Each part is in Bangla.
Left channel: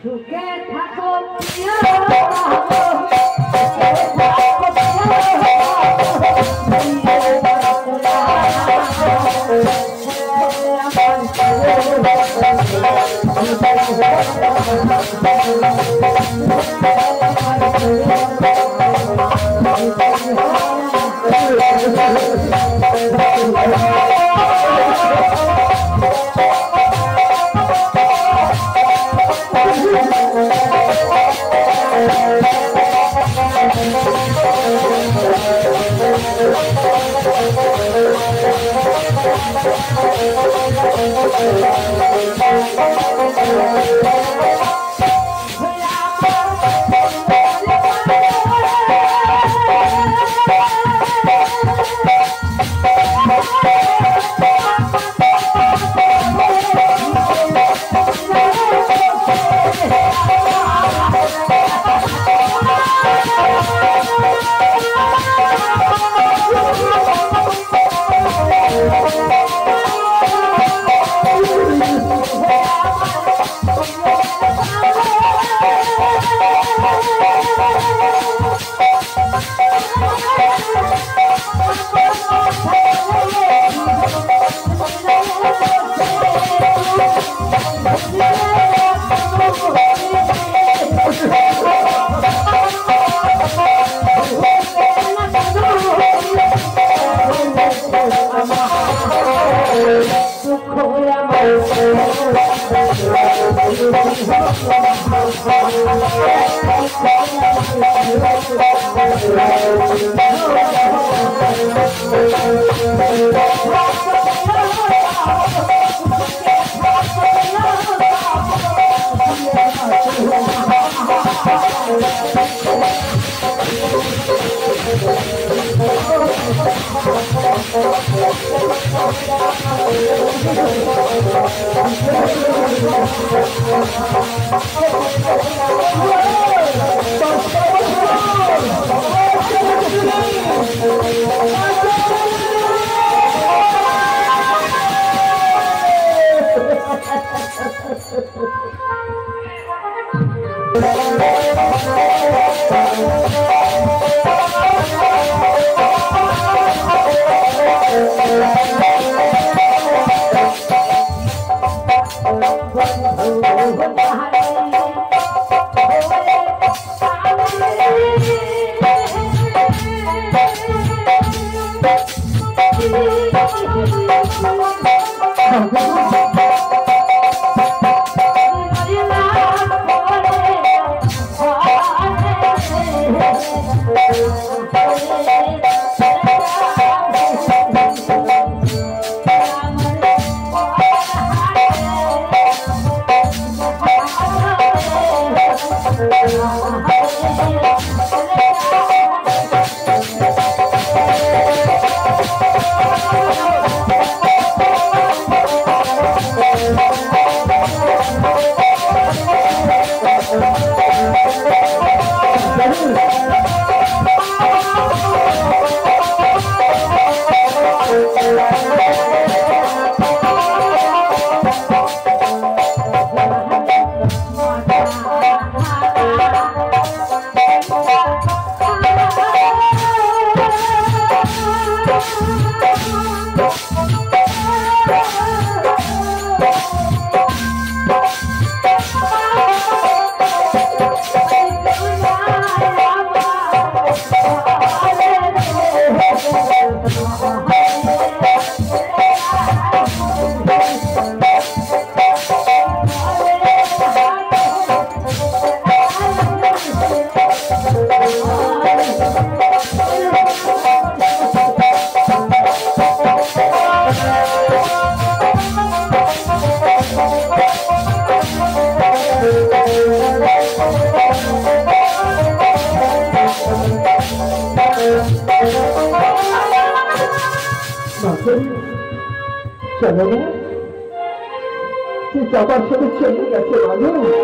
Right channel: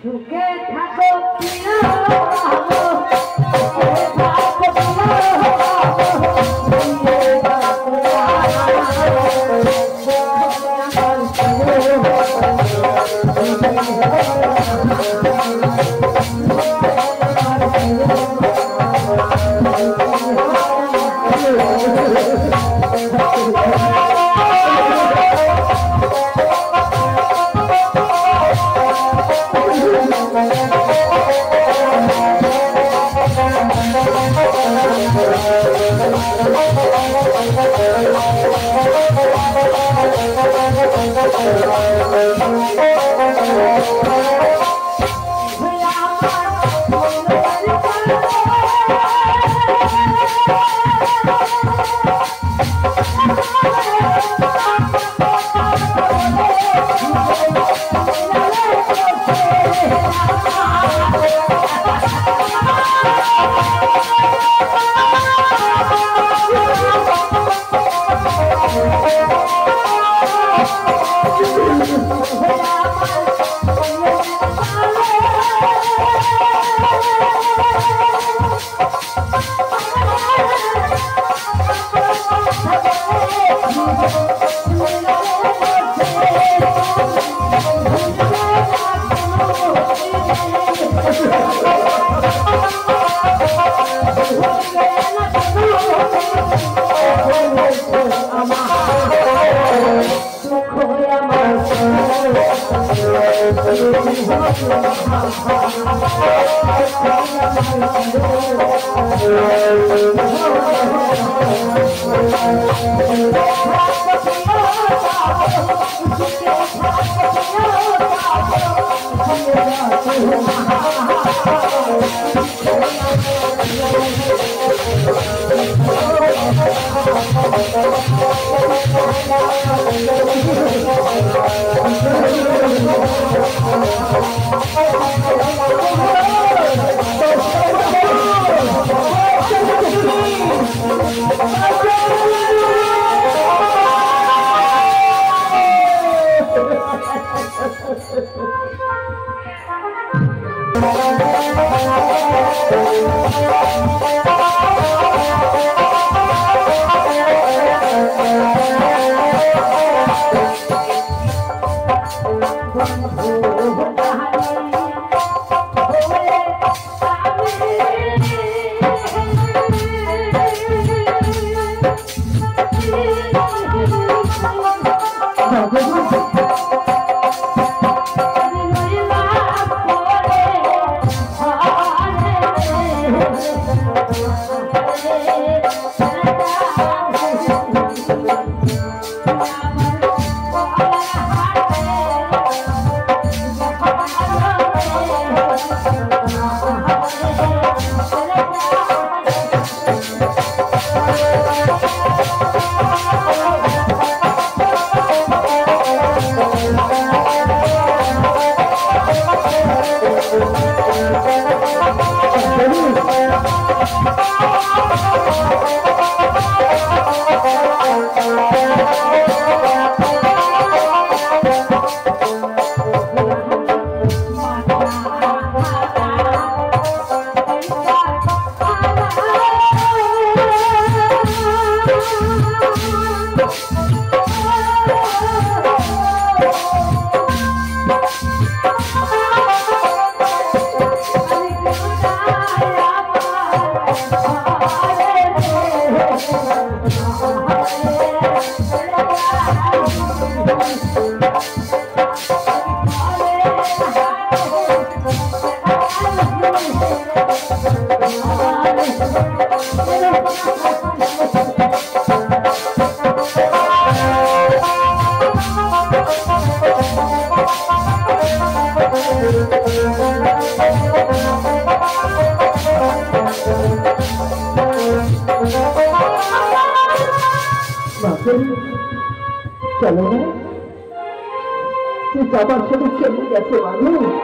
সুখে থাকো প্রিয় चलो ना कि ज्यादा से चले गए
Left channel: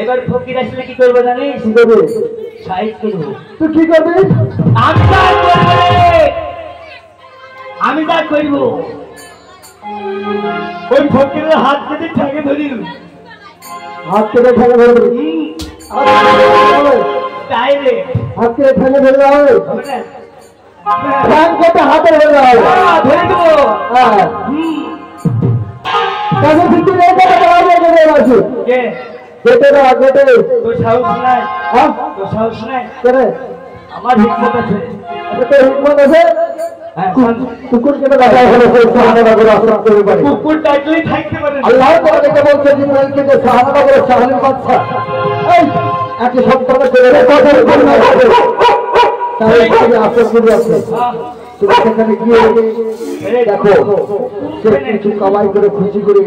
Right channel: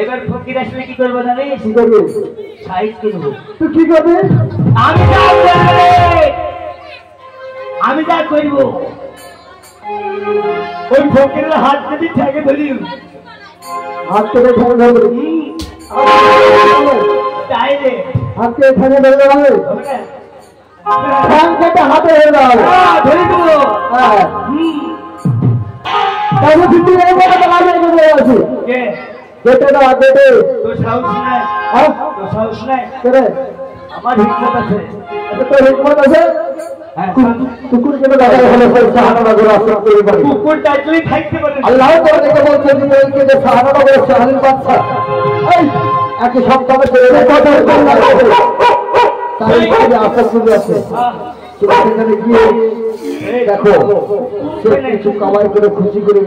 এবার ফকির আসলে কি করবে জানিস? সাহিত্য তুই কি করবি? আমি যা করব ওই ফকিরের হাত যদি ঠেকে ধরি, হাত থেকে ঠেকে ধরবি, হাত থেকে ঠেকে ধরলে হবে, হাতে ধরলে হবে, ধরে দেবো। আমার হিকমত আছে, হিকমত আছে। কুকুর কেটে দেখা গেলে কুকুর টাইটলি থাকতে পারে। আল্লাহ তাআলা বলছেন জিবরাইলকে যে সাহাবাদের সাহালির বাচ্চা একই সপ্তাহে চলে তাই আসর করে আছে, সেখানে গিয়ে দেখো সে কিছু কামাই করে খুশি করে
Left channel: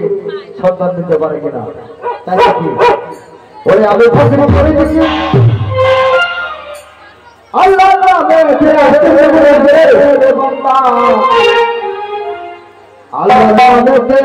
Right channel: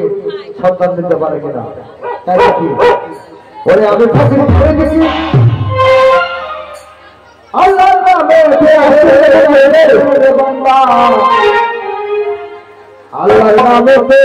সন্তান দিতে পারে কিনা। তাই কি ওই আমি প্রথমে করে দিচ্ছি আল্লাহ আমাদের হাতে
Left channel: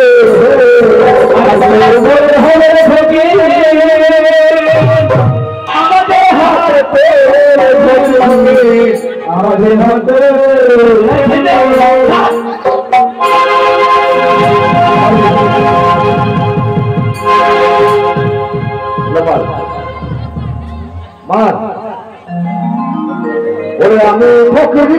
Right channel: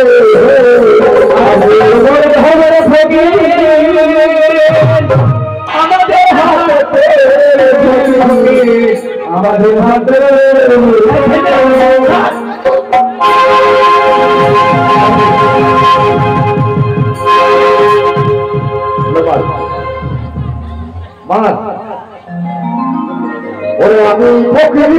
আমি ফকিরি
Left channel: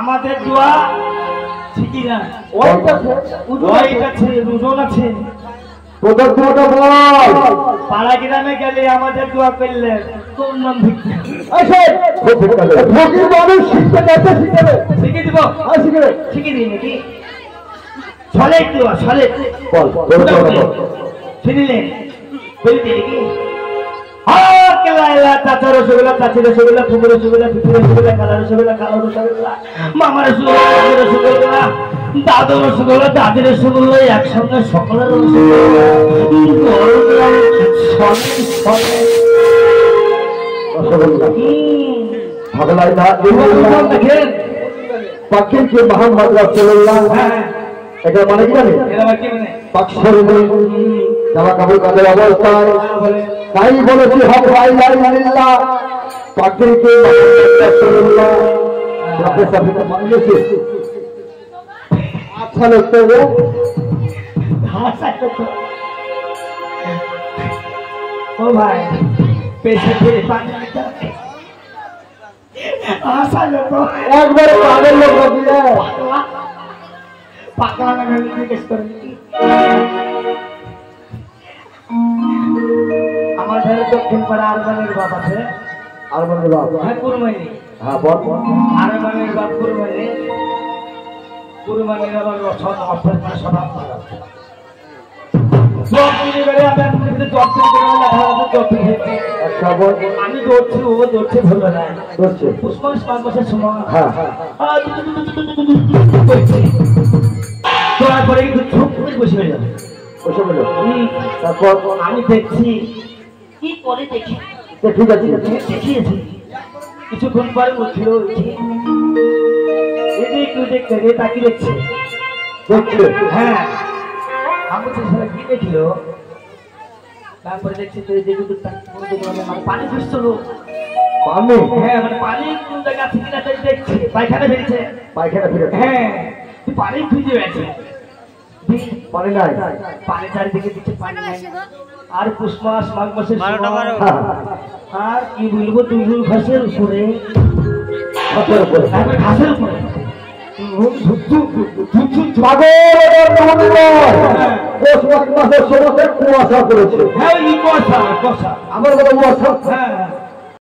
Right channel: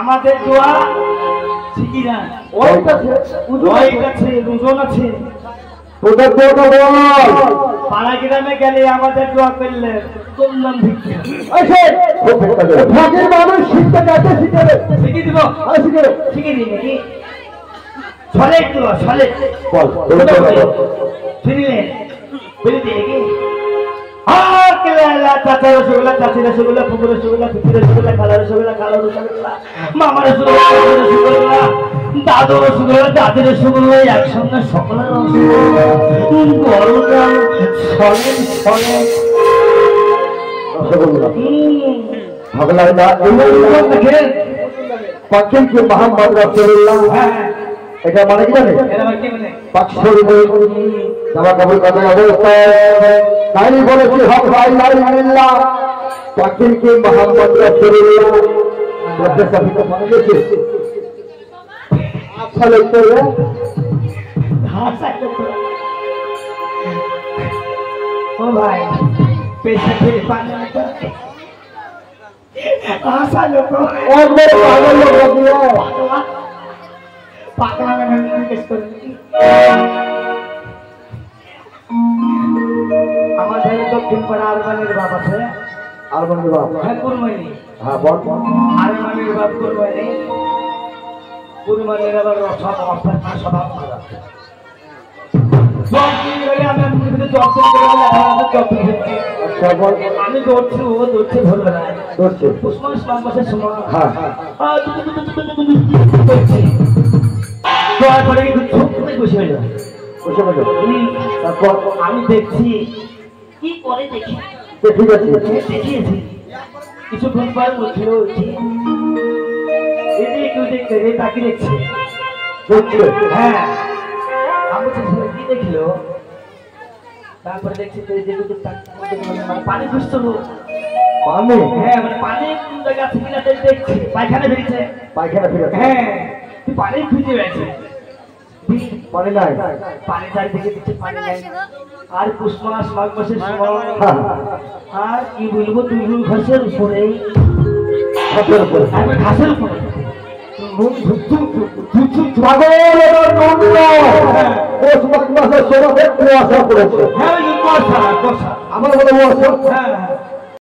আমাদের দোয়া ঠিকই না ওজন আছে পাড়া গ্রামে গেলে আমাদের দোয়া করলে তোর নাম ভিক্ষা শিখে দিব শিখে দিই নাকি ছলে দোয়া ছলে শুনিলেন বলি দিই নাকি চাচা রসগোল্লা চাচি রসগোল্লা ফুপুর রসগোল্লা পিঠি রসগোল্লা কালা রসগোল্লা কালো রসগোল্লা মামা রসগোল্লা রসগোল্লা দাদু রসগোল্লা দাদি রসগোল্লা একসঙ্গে সকলের রসগোল্লা এটা মানে কি জানে জামা কাপড় কাদের অবস্থায় তাই বলেছি হক ভাই আল্লাহ চাকরিকে মোহাম্মদ রাসূলুল্লাহ আপনার চাকরিটা পাওয়া গেছে আচ্ছা লাগতো রে ও ভাই পেশা থেকে পানি আশা লোক একবারে পাগল লোক দিয়ে পাগলা মানে জিজ্ঞেস করে আমাদের দক্ষিণ পাড়া আরমানের বাপ আছে আরমানের বাপ হ্যাঁ কুরমানি হ্যাঁ বল আরমানের বাপ কুরমানির আবার সব অর্থাৎ সব জব নিয়ে গেলে আমি আপনাদের জব থেকে জব হচ্ছে আমি দৌড়ছি ও দৌড়ছে ভালো না দৌড়ছে পুষ্পাস মাসের সময় হ্যাঁ তারপরে কিন্তু চুপ করে বসে হয়ে যাবে বসে বলে তারপর আমি দেখছি কি করে দেখি ঠিক আছে দেখিয়েছি কিছুক্ষণ পরে উঠলো একটু দেখতে রে তাকে দেখছে হ্যাঁ আমি কি দেখলো তারপরে দেখছি পানি খুঁজছিল পানি হ্যাঁ মানে পানি কোন জায়গা আছে কিনা দেখছে পায়খানা ফিরেছে হ্যাঁ তুই পানি খুঁজে গেছে পানি নাই পানি চারিদিকে দিচ্ছে পানি নাই আর পুষ মাস মাঘ মাসের আর কি বলবো তুই ঘাসের উপরে ঘাসের উপরে আমার